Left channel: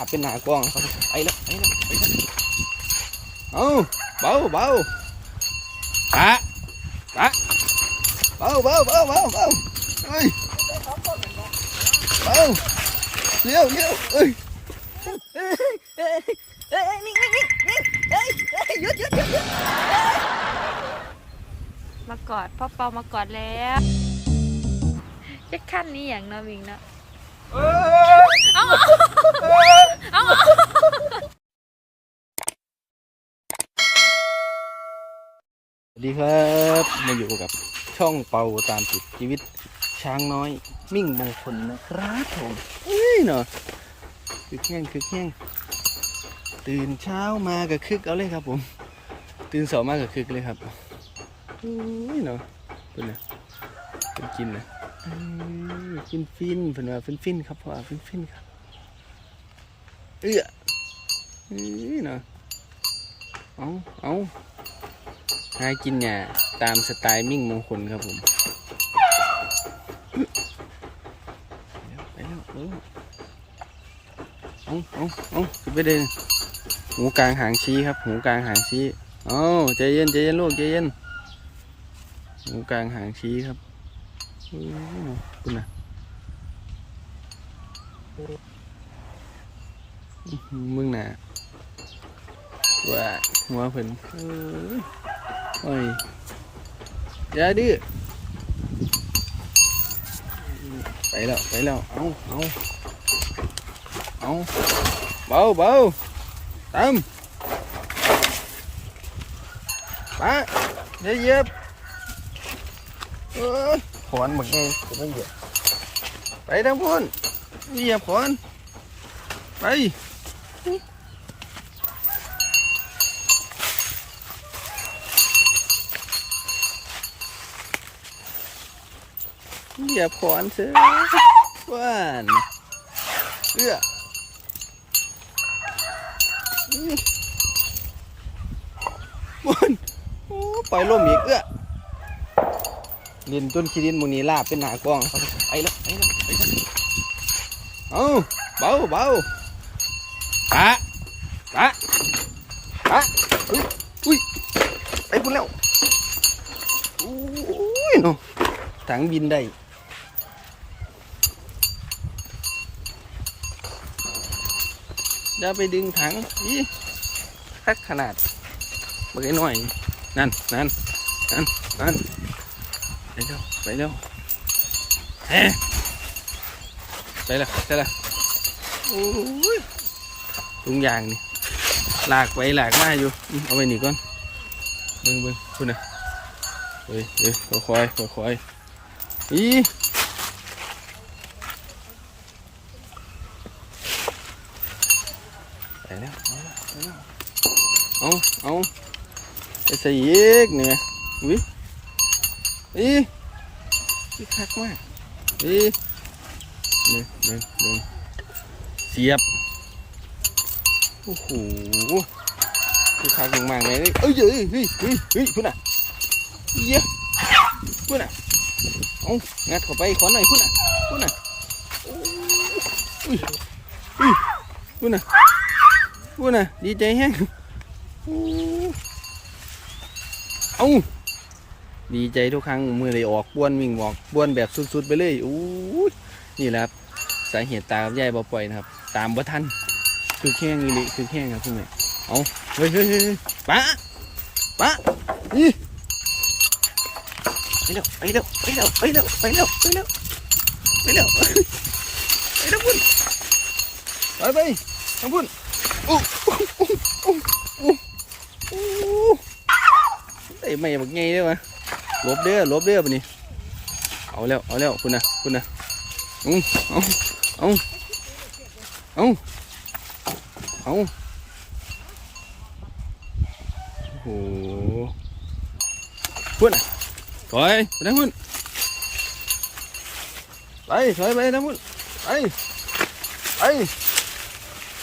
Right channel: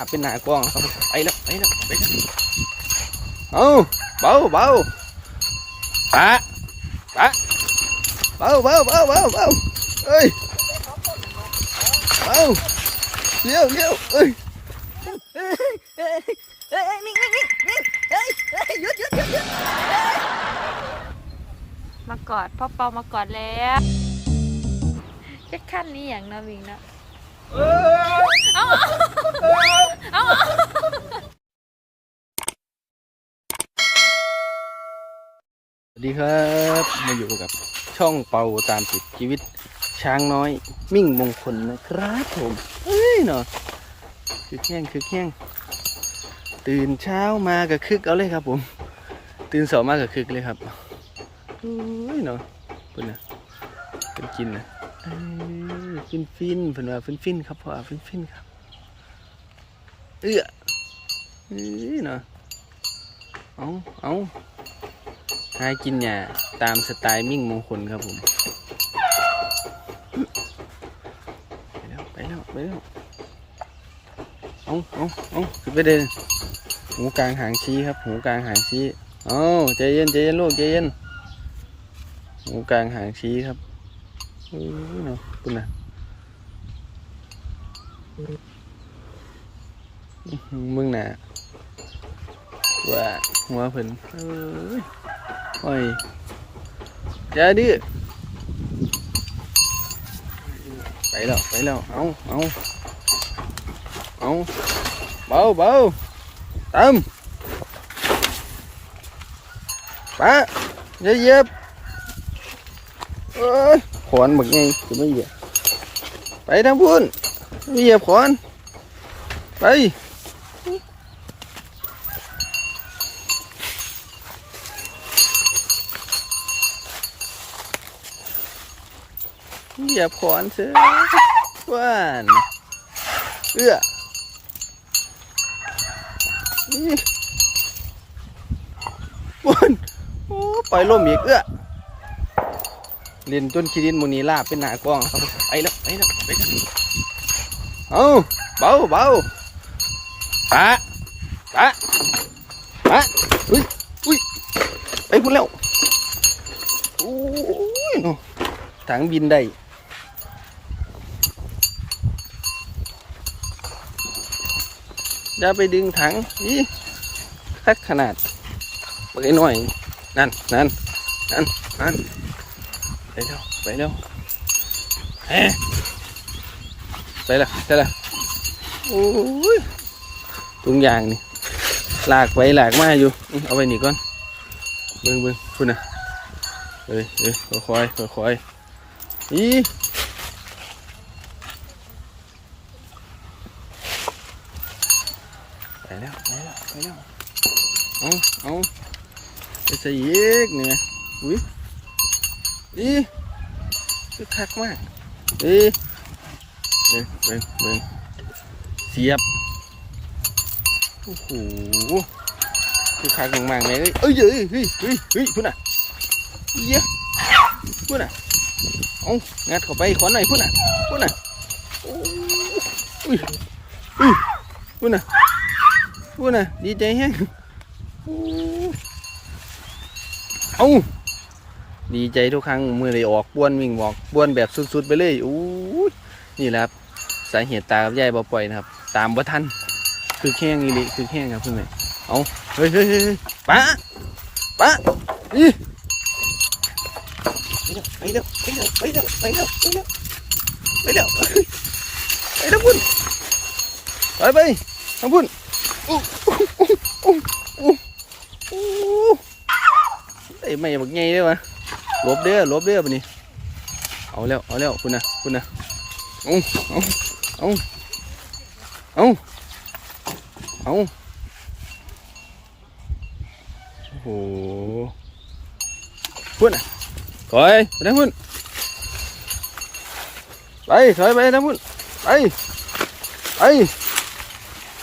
อะเป็นหนากว้างไปแล้วไปแล้วไปแล้วเอาเบาเบาปะปะเบาเบาเบาเบาเบาเอ้ยเบาเลี้ยวเลี้ยวเอ้ยเอ้ยเอ้ยเอ้ยนิ่งนิ่งนิ่งนิ่งเอ้ยเอ้ยหยุดหยุดหยุดหยุดมากอดพ่อเปามากอดแล้วจะขั้นนี้อย่างเนาะมิงเนาะอาเอา สวัสดีครับมาอยู่กับช่องเปาตามติดชีวิตช้างน้อย มิ่งมงคลนะครับผมเอ้ยเนาะคือแข้งคือแข้งตื่นเช้ามากับคึกเอาเลยครับผม ตื่นสองมากับคึกเลยครับโอ้ยเนาะเพิ่นนะเพิ่นกินนะฟินฟินเพิ่นว่าฟินฟินครับพ่อฟินฟินครับเอื้อเอ้ยเนาะเอาเอา หากินหญ้าตามสไตล์มิ่งมงคลครับผมไปแล้วไปแล้วไปแล้วเอาเอาเอาขึ้นไปเดินหูกลางหางชี้ครับ หูกลางหางชี้เอาใจเย็นใจเย็นลูกใจเย็นหูกลางหางชี้ครับเอ้ยเนาะปุ่นนะมึงน่ะว่าหัวเพิ่นเอ้ย โอ้ยอย่าดื้อไปแล้ว ไปแล้ว เอาเอาเอาเบาเบาตามปะอย่าเยียบเอ้ยขอนบักไงจะไม่เหยียบไปทางพุ่นเหยียบขอนไป เหยียบขอนเสียว่านเอื้ออื้อพุ่นโอ้ปล่อยลมอีกเอื้อเล่นต้นคิรินมูนีลาบเป็นหนากล้องครับไปแล้วไปแล้วไปแล้วเอาเบาเบาปะปะปะอุ้ยอุ้ยไปพุ่นแล้วโอ้ยเนาะถังบินได้ อย่าไปดึงถังนี่แพ็กขนาดเมื่อกี้หน่อย นั่นนั่นนั่นนั่นไปเร็วไปเร็วเฮ้ไปแล้วไปแล้วโอ้ยทุงยางนี่ลากไปลากมาอยู่ เอาไปหนีก่อน เบิ้งเบิ้งคุณนะเอ้ยเอ้ยค่อยค่อยค่อยๆอี ไปแล้วไปแล้วไปแล้วเอาเอาไปใส่อีกเนี่ยอุ้ยอีคือคักมากอีเบิ่งเบิ่งเบิ่งเสียบโอ้โหคือคักมากๆเลยเอ้ยเอ้ยเฮ้ยเฮ้ยเฮ้ยเฮ้ยพุ่นน่ะเยี่ยพุ่นน่ะเอางัดเข้าไปขอหน่อยพุ่นน่ะพุ่นน่ะโอ้อุ้ยอุ้ยพุ่นน่ะ พุ่นะดีใจแฮงเอาดีใจทุกครั้งมือได้ออกบ้วนวิ่งบอกบ้วนแบบสุดๆไปเลยอู้นี่แหละครับสาเหตุตากับยายบ่ปล่อยนะครับ ตามบ่ทันคือแข้งอีหลิคือแข้งครับเพื่อนเอาเฮ้ยเฮ้ยเฮ้ยเฮ้ยปะปะนี่ไปเร็วไปเร็วไปเร็วไปเร็วไปเร็วไปเร็วไปเร็วไปทางพุ่นไปไปทางพุ่น ไอ้ไม่บักไงได้ปะหลบเด้อลบเด้อปะนี่เอาแล้วเอาแล้วคุณนะคุณนะเอาเอาเอาเอาเอาโอ้โหพุ่นน่ะถอยไปทางพุ่นไปถอยไปทางพุ่นไปไป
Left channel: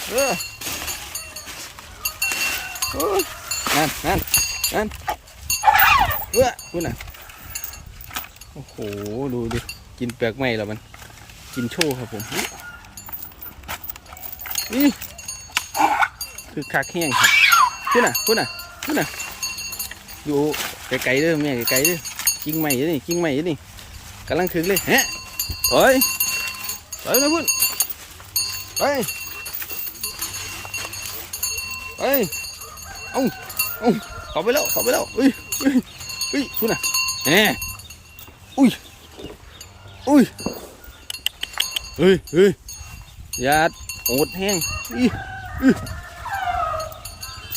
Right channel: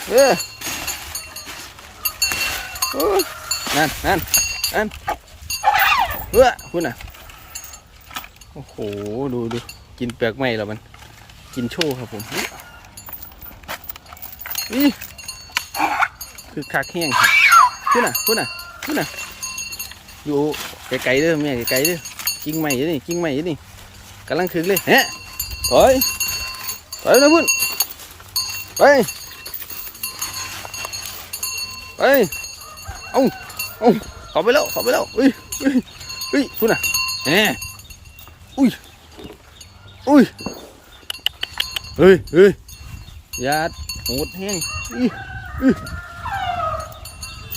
เด้อโอ้ นั่นนั่นนั่นเฮ้ยคุณอะ โอ้โห ดูดูกินเปลือกไม้แล้วมัน กินโชว์ครับผมนี่คือคักแห้งครับพูดน่ะพูดน่ะพูดน่ะ อยู่ไกลๆเด้อแม่ไกลๆเด้อกิ่งใหม่เด้อนี่กิ่งใหม่เด้อนี่กำลังถึงเลยฮะโอ้ยไปนะพุ่นไปไป เอาเอาเขอไปแล้วเขอไปแล้วอุ้ยอุ้ยอุ้ยพูดน่ะแหมอุ้ยอุ้ยเฮ้ยเฮ้ยอยาโหดแห้งอีอี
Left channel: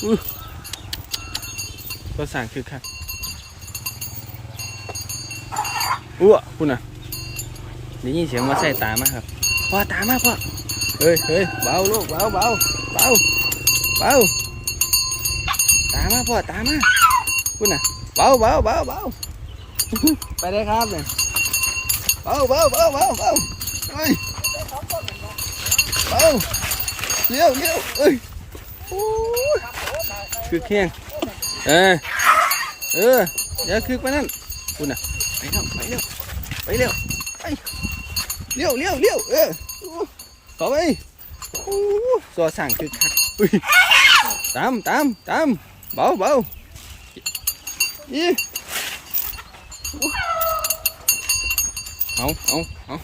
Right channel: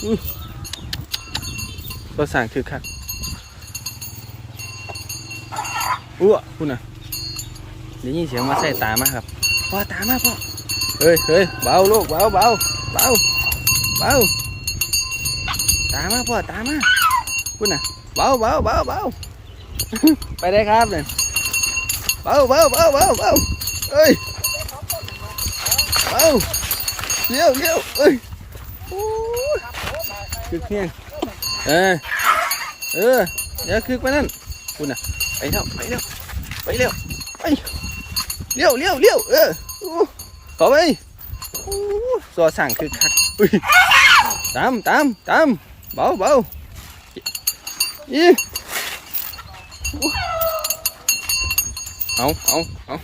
อื้อก็สั่งคือคักอ้วคุณน่ะได้ยินเสียงมาใส่ตามาครับพ่อตามมาพ่อเฮ้ยเฮ้ยเบาลูกเบาเบาเบาเบา ตามมาพ่อตามมาคุณน่ะเบาเบาเบาเบาไปได้ครับเนี่ยเบาเบาเบาเบาเบาเฮ้ยเบาเลี้ยวเลี้ยวเอ้ยโอ้คือเคียงเออเอออย่าคือไปนั่นคุณน่ะไปเร็วไปเร็วไปเร็วไปเลี้ยวเลี้ยวเลี้ยวเออต่อไปอู้สอสั่งคือคักตามตามตาม เบาเบาอีเอาเอาเอา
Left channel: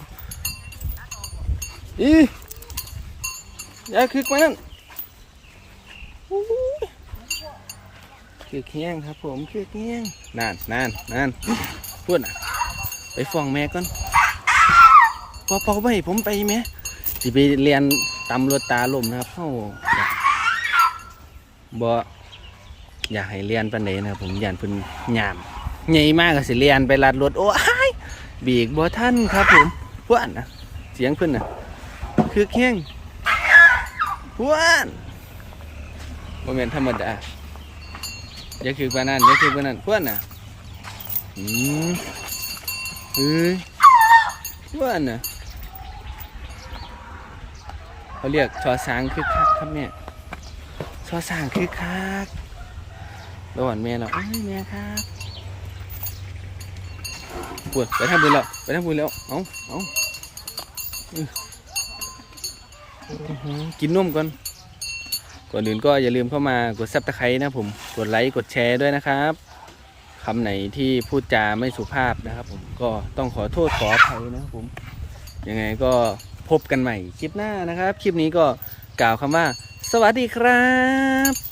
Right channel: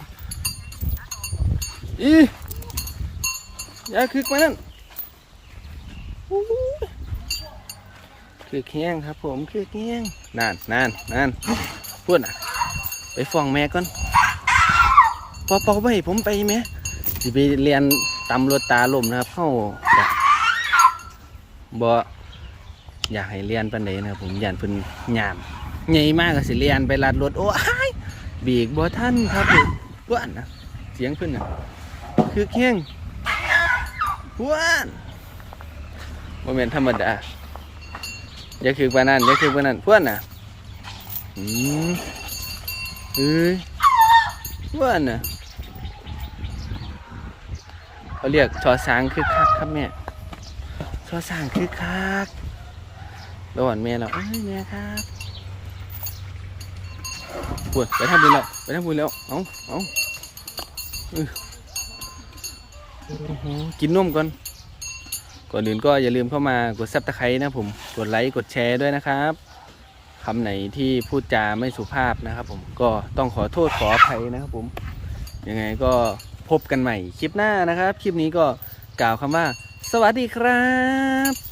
อีอย่าคือไปนั่นคือแข้งครับผมคือแข้งนานนานนานพูดน่ะ ไปฟ้องแม่ก่อนพอเป่าไปผมไปไหมสิไปเรียนตำรวจตาลมนะครับเข้าบ่ อยากให้เรียนปันใดนะครับผมยันพิ่นยามใหญ่มากก็สิเรียนไปลัดรถโอ้ยบีกบ่ท่านครับผมพวนนะเสียงเพิ่นนะคือแข้งพวนบ่แม่นธรรมดาอย่าคือปานนั้นอย่าคือปานนั้นพวนนะอืมเฮ้ยพว่าน่ะเขาเรียกชอช้างคือคักครับแม่ชอช้างคือคัก ระหว่างแม่เราเอ้ยแม่ครับปวดไปทำบุญแล้วไปทำบุญแล้วเอาเอาอื้อโอ้โหกินนมก่อนก่อนอื่นก็อย่าลืมเข้ามากดซับตะไคร้นะผมกดไลค์กดแชร์ด้วยนะครับคำไหนที่พูดจาไม่สุภาพนะครับผมก็ต้องขอโทษขออภัยนะครับผมยังไงก็พบกันใหม่คลิปหน้านะครับ คลิปนี้ก็กล่าวคำว่า สวัสดีครับ